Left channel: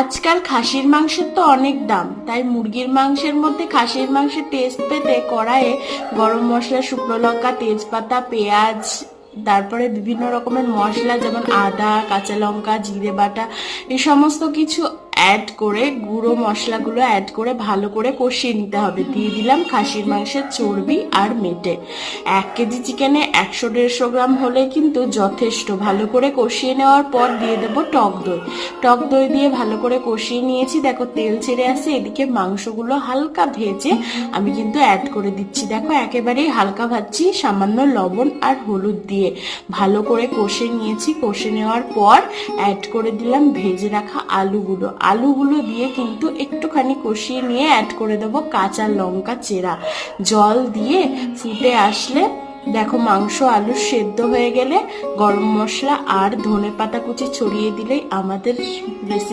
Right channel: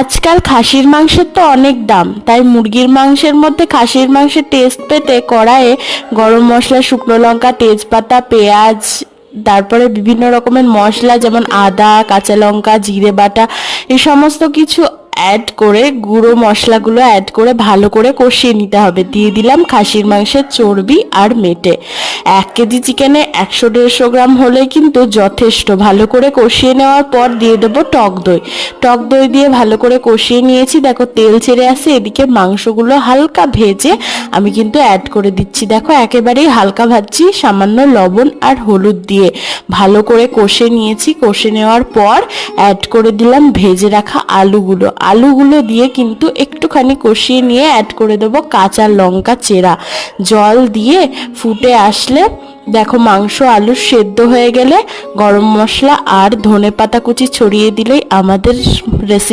আজকাল খাসির মাংসের তো অনেক দাম, তাই মুরগির মাংসের মধ্যে খাসির মাংসের টেস্ট পেতে কড়াইয়ে গরম মশলা, শুকনো লঙ্কা, তেজপাতা, পেঁয়াজ, তারপরে বিভিন্ন রকমের মশলা যেমন আদা, কাঁচা লঙ্কা, জিরে বাটা, এই সমস্ত কিছু অ্যাড করে গুঁড়ো মশলাগুলো অ্যাড করে ভালো করে কষিয়ে নিতে হবে। দিয়ে দিলাম খাসির মাংসের চর্বি আর মেটে। 1 কেজি চিকেনে 100-150 গ্রাম হলে কিন্তু যথেষ্ট। ভালো করে কষিয়ে নেওয়ার পর দিয়ে দেবো টক দই। টক দই দিয়ে ভালো করে কষিয়ে নিয়েছি। দেখো তেল ছেড়ে আসে। এদিকে মাংসগুলো হালকা ভেজে আমি কিন্তু অ্যাড করে দিচ্ছি। দেখো একেবারেই হালকা ভাজছি, সামান্য লবণ আর হলুদ দিয়ে ভালো করে কষে নিয়েছি। কষে নেওয়ার পর অ্যাড করে দিলাম ভেজে রাখা আলুগুলো দিয়ে কিন্তু একটুখানি কষিয়ে নিয়ে অ্যাড করে দেবো কাঁচা লঙ্কা চেরা। জল দিয়ে ফুটে আসলে দেখো মাংস আলু সেদ্ধ হয়ে গেলে গরম মশলা আর ধনেপাতা কুচি ছড়িয়ে দিলেই আমাদের রেসিপি